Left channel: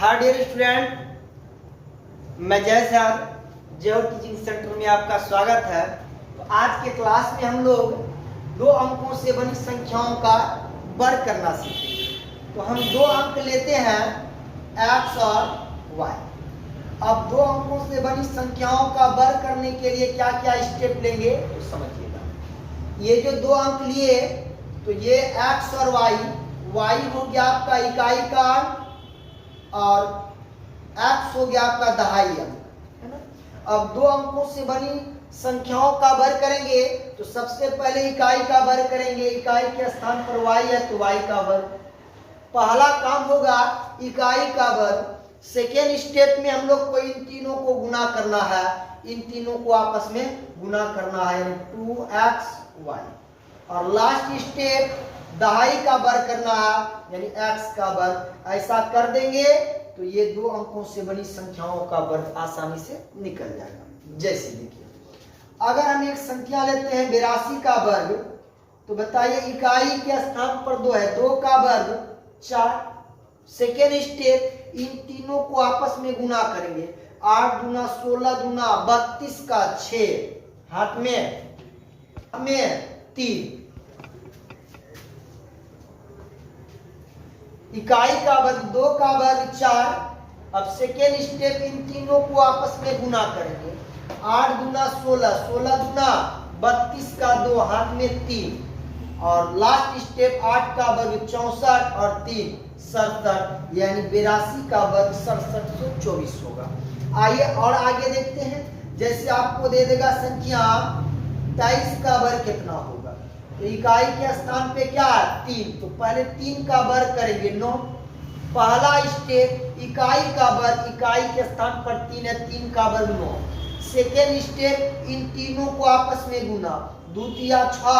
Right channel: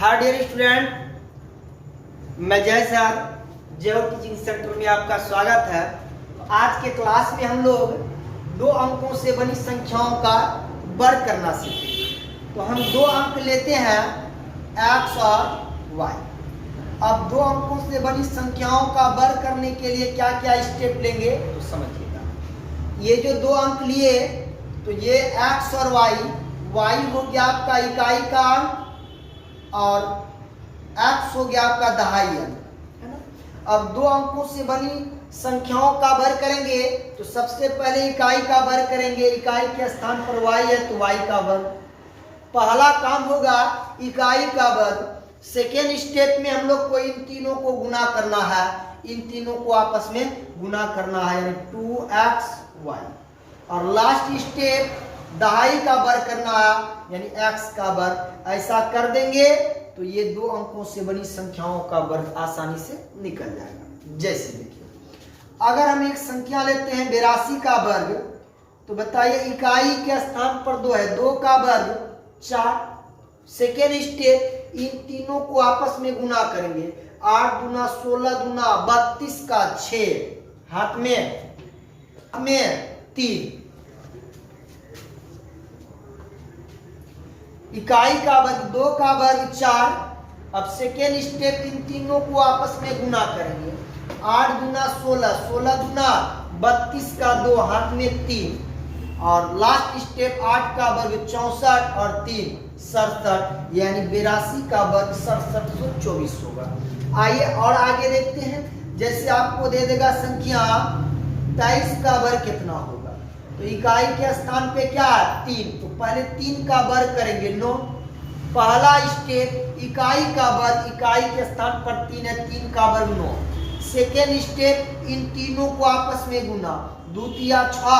Hi dear student, मैं जय sir जय टीचिंग सेंटर में आपका स्वागत है। तो आज के क्लास में हम लोग दो अंकों से बनी संख्याओं का वर्ग करना सीखेंगे। तो हम दो अंक लेते हैं x और y। अब दो अंकों से बनी संख्याओं का वर्ग करने के लिए क्या क्या स्टेप लेंगे तो समझिएगा। ये जो दो अंक लिए तो ये x और y हो गया आपका इकाई का अंक और x हो गया आपका दहाई अंक, है ना। अब दो अंकों से बनी संख्याओं का वर्ग करेंगे तो सबसे पहले इकाई का वर्ग करेंगे। इकाई के स्थान पर y है तो y का वर्ग। पहला काम होगा इकाई का वर्ग। सेकेंड स्टेप में हम लोग को इन तीनों को गुना करना है, इन तीनों को आपस में गुना करना है, यानी 2xy। और लास्ट स्टेप दहाई का वर्ग करना है, यानी x का वर्ग। ऐसा कर देंगे तो ये दो अंकों से बनी संख्याओं का वर्ग आसानी से निकल जाएगा। जैसे देखिए, अगर हम एक संख्या लेते हैं 82 का वर्ग, तो बताइए इकाई के स्थान पर 2 है, 2 का वर्ग 4। सेकेंड स्टेप इन तीनों को आपस में गुना करेंगे। 8 दूना 16 दूना 32 का 6, हाथ में 3। इकाई का वर्ग 2 का वर्ग 4। अब सेकेंड स्टेप इन तीनों को आपस में गुना करेंगे। 8 दूना 16, 16 दूना 32 का 2, हाथ में 3। और लास्ट स्टेप 8 का वर्ग 64 और 3 67, यानी 82 का वर्ग 6724 होगा। आइए और आगे देखते हैं। जैसे आपको दे देगा संख्या 23 का वर्ग कितना होगा, तो इकाई के स्थान पे क्या है 3, तो पहले 3 का वर्ग करेंगे 9। पहला स्टेप इकाई का वर्ग, इकाई के स्थान पर 3 है, 3 का वर्ग 9। सेकेंड स्टेप इन तीनों को आपस में गुना, 2 तिया 6,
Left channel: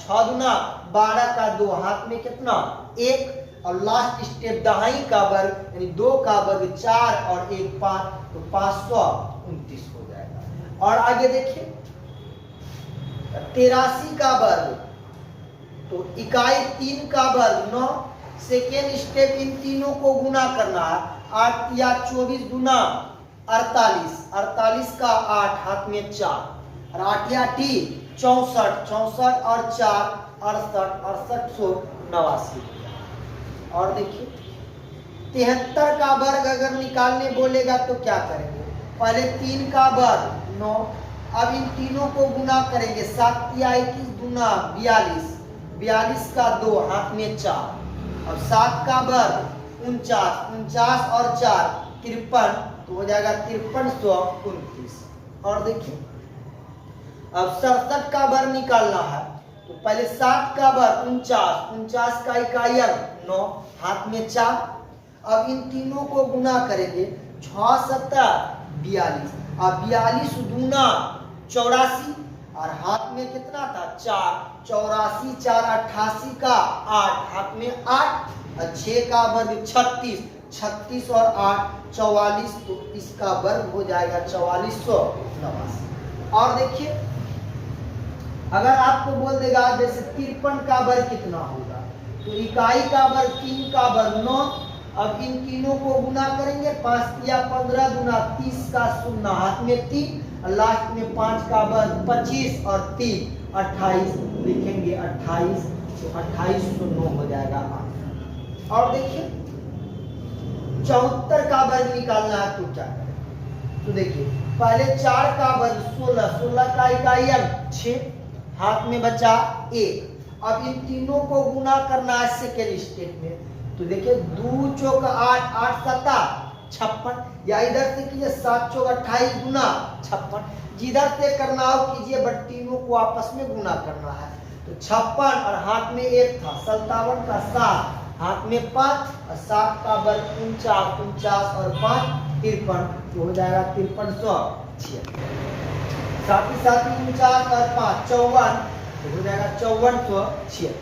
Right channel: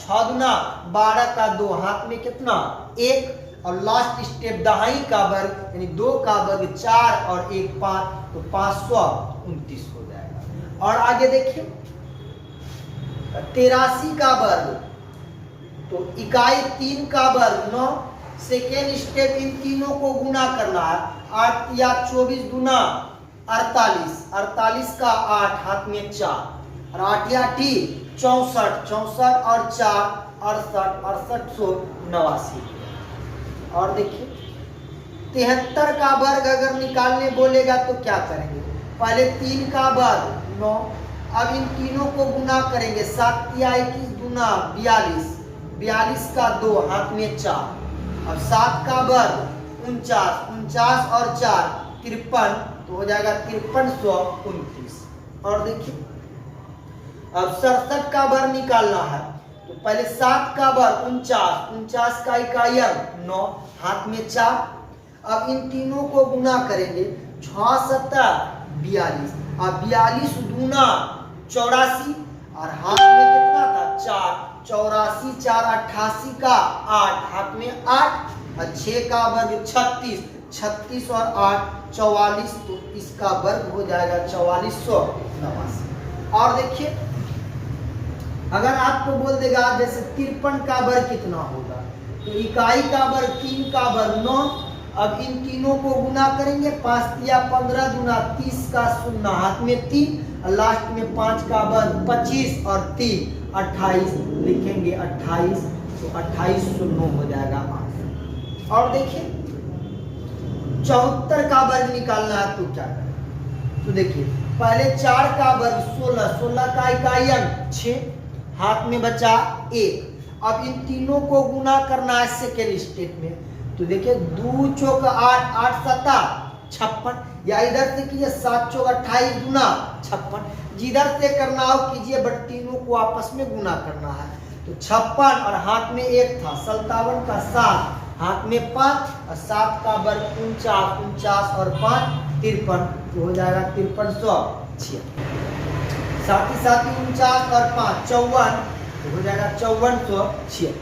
6 दूना 12 का 2, हाथ में कितना 1। और लास्ट स्टेप दहाई का वर्ग, यानी 2 का वर्ग 4 और 1 5, तो 529 हो जाएगा। और आगे देखिए 83 का वर्ग, तो इकाई 3 का वर्ग 9। सेकेंड स्टेप इन तीनों को गुना करना है। 8 या 24 दूना 48, 48 का 8, हाथ में 4। और 8 या 64, 64 और 4 68, 6889। और देखिए 73 का वर्ग अगर निकालने बोलेगा तो क्या करेंगे, पहले 3 का वर्ग 9। अब इन तीनों को गुना करेंगे। 7 या 21 दूना 42, 42 का 2, हाथ में 4। और 7 का वर्ग 49, 49 और 4 53, तो हो जाएगा 5329। और देखिए अब 67 का वर्ग निकालना है, तो पहले 7 का वर्ग 49, 49 का इकाई अंक 9, हाथ में 4। अब इन तीनों को गुना करेंगे। 6 7 42, अब 42 दूना 84 और हाथ में कितना था 4। 84 4 88 का 8, हाथ में 8। और 6 का वर्ग 36, 36 और 8 44, तो इसका वर्ग हो जाएगा 4489। और देखिए अगर आपको बोल देगा जैसे 53 का वर्ग कितना होगा, तो इकाई का वर्ग 3 का वर्ग 9। अब इन तीनों को गुना करेंगे। 5 या 15 दूना 30 का 0, हाथ में 3। और लास्ट में 5 का वर्ग 25 और 3 28, लिखेंगे 28, तो 2809 हो जाएगा 8। और देखिए 74 का वर्ग निकालना है, तो क्या करें, तो देखिए पहले 4 का वर्ग 16, 16 का इकाई अंक 6, हाथ में बचा 1। अब इन तीनों को गुना करना है सेकेंड स्टेप में, तो देखिए 2 चौक 8, 8 7 56, या इधर से कीजिए 7 चौक 28 दूना 56, जिधर से करना हो कीजिए, बट तीनों को आपस में गुना करना है। तो 56 और हाथ में 1 था, 57 का 7, हाथ में 5। और 7 का वर्ग 49, 49 और 5 53, तो हो जाएगा 5376। साथ ही 49 और 5 54, तो हो जाएगा 5476।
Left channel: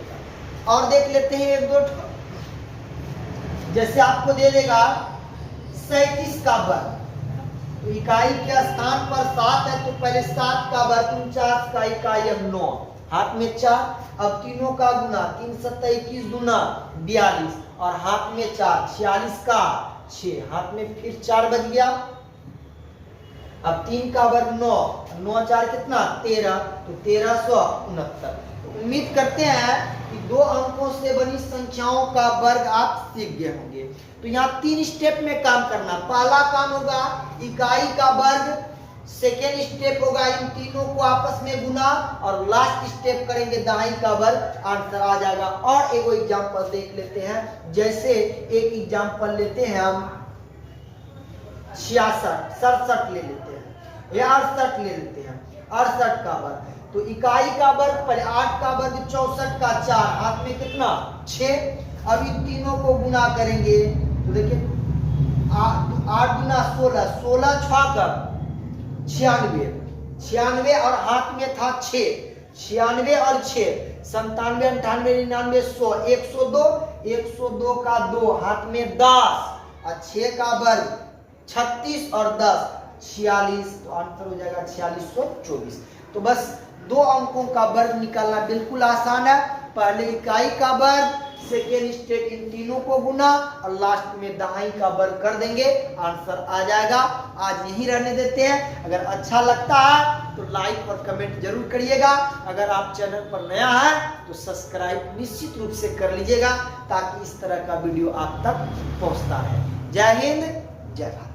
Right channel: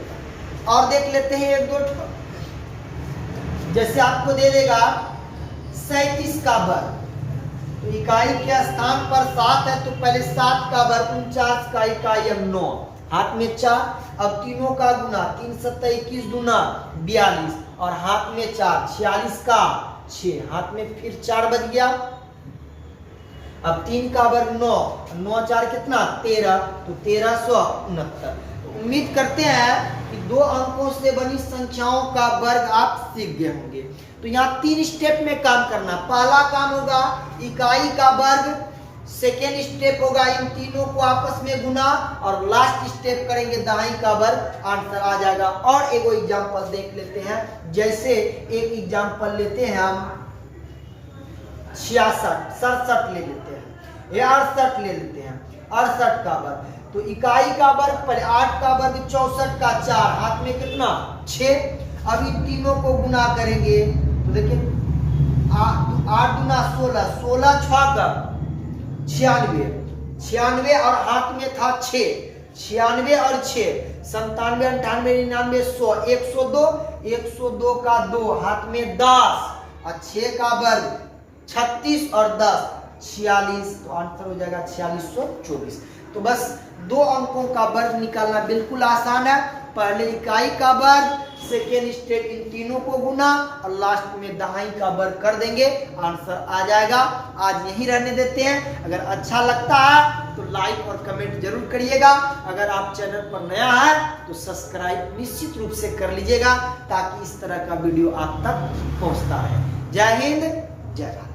और देख लेते हैं एक दो, जैसे आपको दे देगा 37 का वर्ग, तो इकाई के स्थान पर 7 है, तो पहले 7 का वर्ग 49 का इकाई अंक 9, हाथ में 4। अब तीनों का गुना, 3 7 21 दूना 42 और हाथ में 4, 46 का 6, हाथ में फिर 4 बज गया। अब 3 का वर्ग 9, 9 4 कितना 13, तो 1369। तो उम्मीद करते हैं कि 2 अंकों से बनी संख्याओं का वर्ग आप सीख गए होंगे। तो यहाँ 3 स्टेप में काम करना। पहला काम होगा इकाई का वर्ग, सेकेंड स्टेप होगा इन तीनों को आपस में गुना, और लास्ट स्टेप करेंगे दहाई का वर्ग, आंसर आ जाएगा। और एक एग्जांपल देख लेते हैं। जैसे एक एग्जांपल लेते हैं हम 67 ले लेते हैं, या 68 ले लेते हैं। 68 का वर्ग, तो इकाई का वर्ग पर 8 का वर्ग 64 का 4, हाथ में कितना 6। अब इन तीनों को गुना करेंगे तो देखिए 8 गुना 16, 16 6 का 96, 96 और हाथ में था 6, 96 और 6 97 98 99 100, 102, 102 का 2, हाथ में 10 और 6 का वर्ग 36 और 10 46, तो आंसर हो जाएगा 4624। तो बस 2 अंकों का वर्ग निकालना बिल्कुल आसान है। पहले इकाई का वर्ग, सेकेंड स्टेप इन तीनों को गुना, और लास्ट में दहाई का वर्ग कर देंगे, आंसर आ जाएगा। आज यही रहने देते हैं। अगर अच्छा लगता है तो लाइक और कमेंट जरूर करिएगा। अगर आप चैनल पर नया है तो सब्सक्राइब निश्चित रूप से कर लीजिएगा, ताकि इस तरह का वीडियो आप तक पहुंचता रहे। जय हिंद, जय भारत।